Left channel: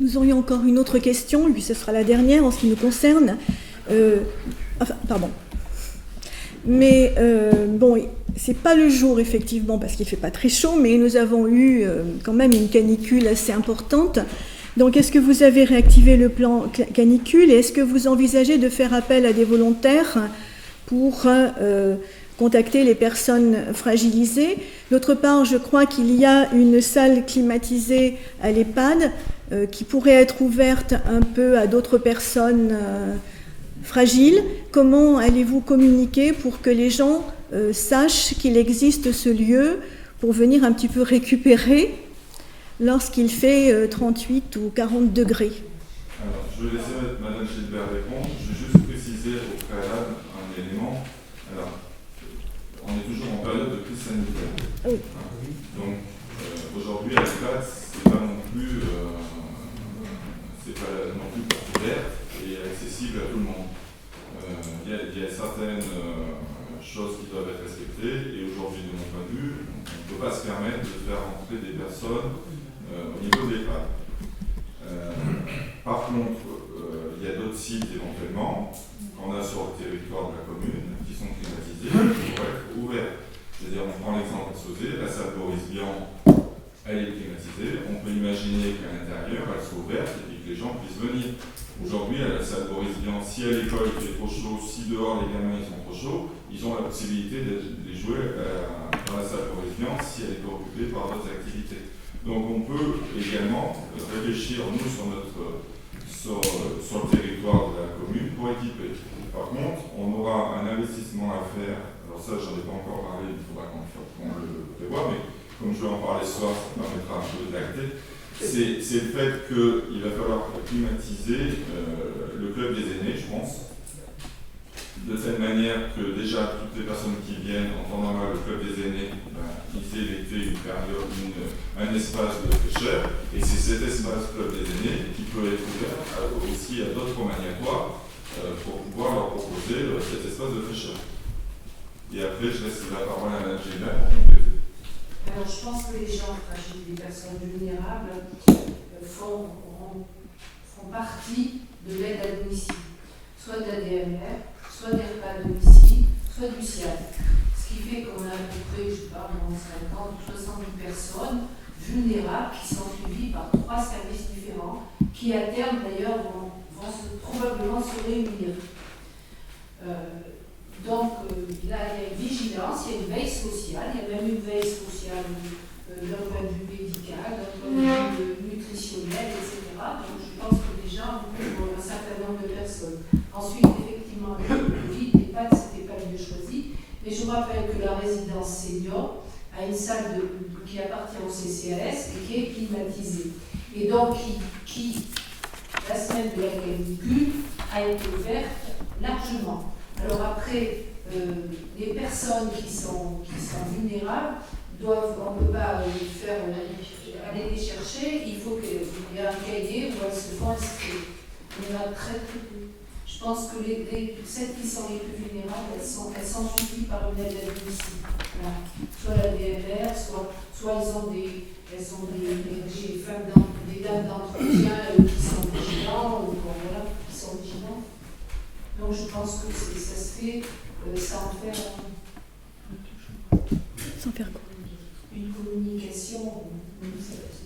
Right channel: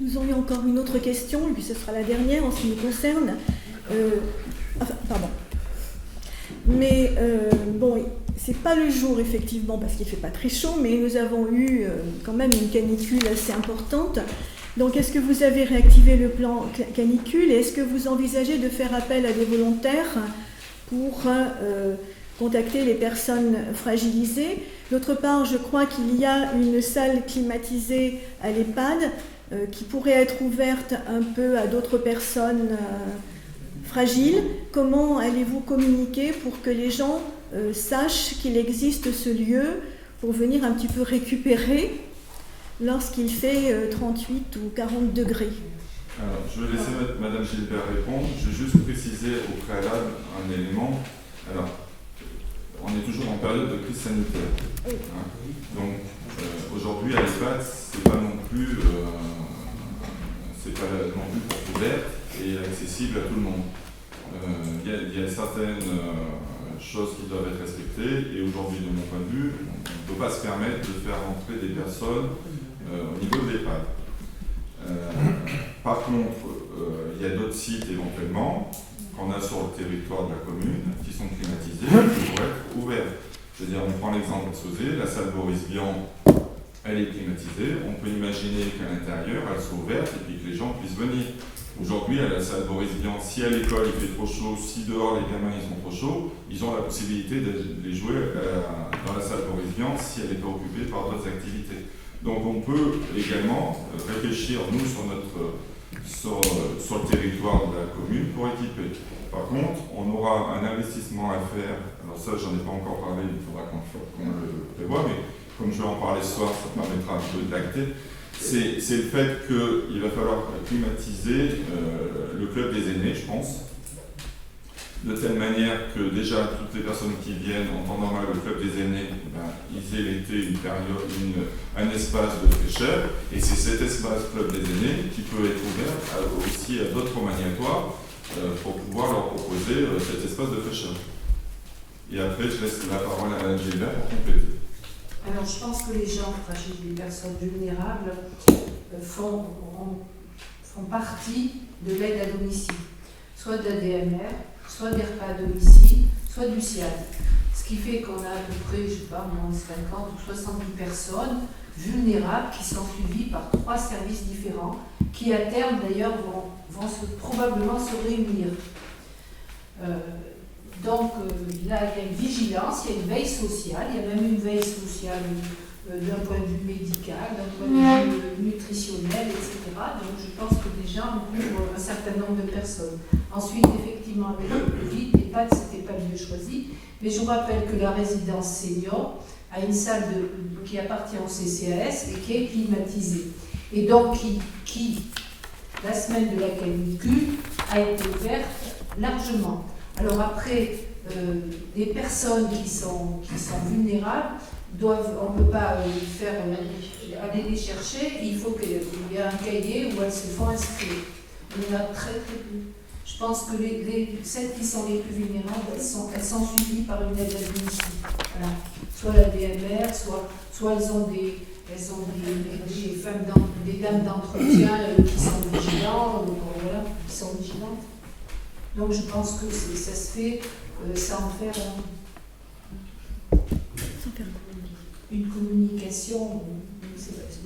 Nous aurions encore une autre question, et puis ce sera la dernière en ce qui nous concerne. Pardon. Mais bon, c'est pas le jour effectivement parce qu'il fait pas très chaud, mais nous avons eu quand même une canicule assez importante. Donc est-ce que vous avez réactivé le plan canicule et est-ce que vous envisagez de faire appel à des volontaires pour contacter les personnes fragilisées? D'autre part, je crois qu'il y a une salle climatisée à l'EHPAD qui pourrait être ouverte un peu à d'autres personnes fragiles. Comment allez-vous communiquer pour que les gens sachent qu'il existe ce lieu pour venir un petit peu récupérer lorsqu'il fait 38 ou 40 degrés? Alors, je vais laisser Madame Gilbert répondre. Je vais juste préciser au préalable un élément. Alors, on est toujours en période de crise sanitaire. Oui. Hein. Donc, aujourd'hui, à l'EHPAD, c'est pas non plus ouverte et accessible à tout le monde. Il y a certaines choses qui doivent être respectées et aujourd'hui, de mon point de vue, on ne peut pas se permettre de faire rentrer des personnes au niveau de l'EHPAD. Par contre, il y a d'autres sites éventuellement qu'on a sur le territoire de la commune qui sont climatisés et qui pourraient être ouverts. Je veux dire, on prend l'exemple de Sauzé, la salle Boris Vian, elle est climatisée. On peut imaginer qu'à l'intérieur, elle soit ouverte et puis que les gens puissent venir. Aujourd'hui, à la salle Boris Vian, si à l'école il fait trop chaud, si dehors les gamins ils sont trop chauds, ils ont la possibilité de les jouer dans la salle Boris Vian si elle est occupée par d'autres activités. Donc on peut également réfléchir, nous, sur le territoire de la commune pour équiper. Par contre, on aura un investissement à faire. Alors ça, j'en ai pas encore parlé, il faudra qu'on le prévoie, mais comme je vais en parler ce soir, ça permettra un peu d'acter. C'est le fait qu'il va falloir climatiser le club des aînés, je pense, de telle manière que déjà toutes les personnes qui viennent en temps normal au club des aînés, ils aient l'été un espace de fraîcheur, et c'est cet espace club des aînés qui peut être ouvert aussi à d'autres maniatoires pour pouvoir leur proposer cet espace de fraîcheur. Et après, je laisse la parole à Mme Gilbert pour compléter. Alors, je pense que les gens fragiles, les personnes vulnérables, font partie de l'aide à domicile, soit de la DMR, soit des repas à domicile, soit du SIAD. Ce qui fait qu'on a à peu près, je ne sais pas, 50 ou 70 personnes vulnérables qui sont suivies par 3 services différents, qui à terme d'ailleurs vont probablement se réunir. Donc là, il y a une vigilance, il y a une veille sociale, il y a même une veille sociale d'un point de vue médical, d'un point de vue nutritionnel, etc. Donc je pense que déjà on couvre un certain nombre de personnes. Ensuite, effectivement, avec le Covid, l'EHPAD, ce n'était pas le lieu choisi, mais je vous rappelle que la résidence senior a une salle qui appartient au CCAS et qui est climatisée. Et donc qui la semaine de la canicule, a été ouverte largement. Alors après, les personnes qui sont vulnérables, on ne peut pas aller les chercher, il faut qu'il y ait un cahier où elles se font inscrire. Il y en a très peu. Je pense que celles qui sont les plus vulnérables, elles sont suivies par une aide à domicile. Voilà. Soit la DMR, soit elles ont des dames d'entretien qui sont vigilants, qui sont vigilantes. Donc je pense que ça se fait sans faire une communication.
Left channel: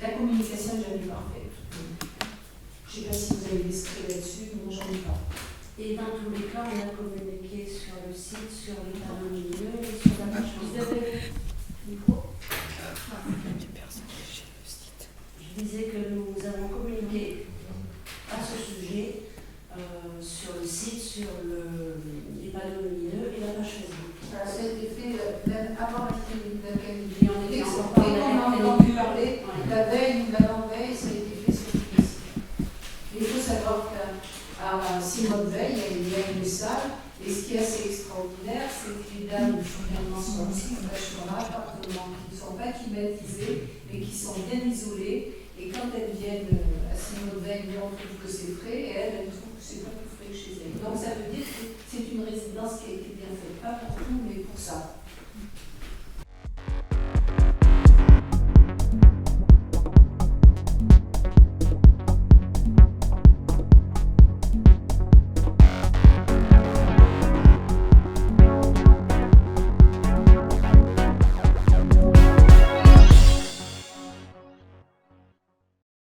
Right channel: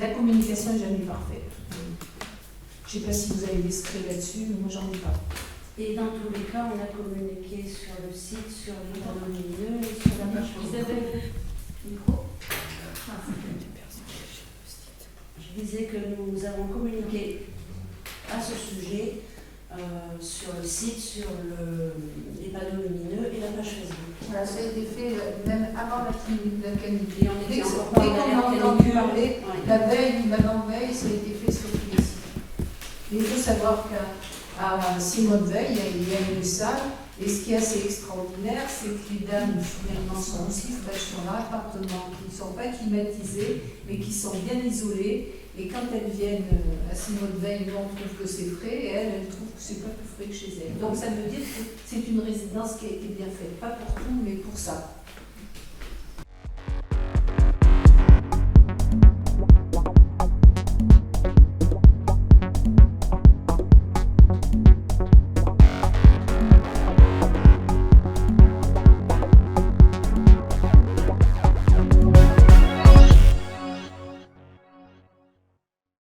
La communication n'est jamais parfaite. Je ne sais pas si vous avez des secrets là-dessus, mais moi j'en ai pas. Et dans tous les cas, on a communiqué sur le site, sur les panneaux lumineux et sur la page. Vous avez le micro? Je disais que nous avons communiqué à ce sujet sur le site, sur les panneaux lumineux et la page Facebook. Voilà, ça a été fait même avant la canicule. Et on était encore pas en entendu parler, la veille ou l'avant-veille, ça a été fait sur tous les sites. Et il faut savoir qu'à Simone-Veil, il y a une salle, et ce qui est assez extraordinaire, c'est que les dames finalement sont aussi dans un appartement qui ne sont pas climatisés, mais qui sont bien isolés. Et quand elles viennent à Simone-Veil, nous on trouve que c'est frais, et elles trouvent que c'est pas plus frais que chez elles. Donc ça veut dire que c'est une résidence qui a été bien faite, pas pour tout, mais pour ça.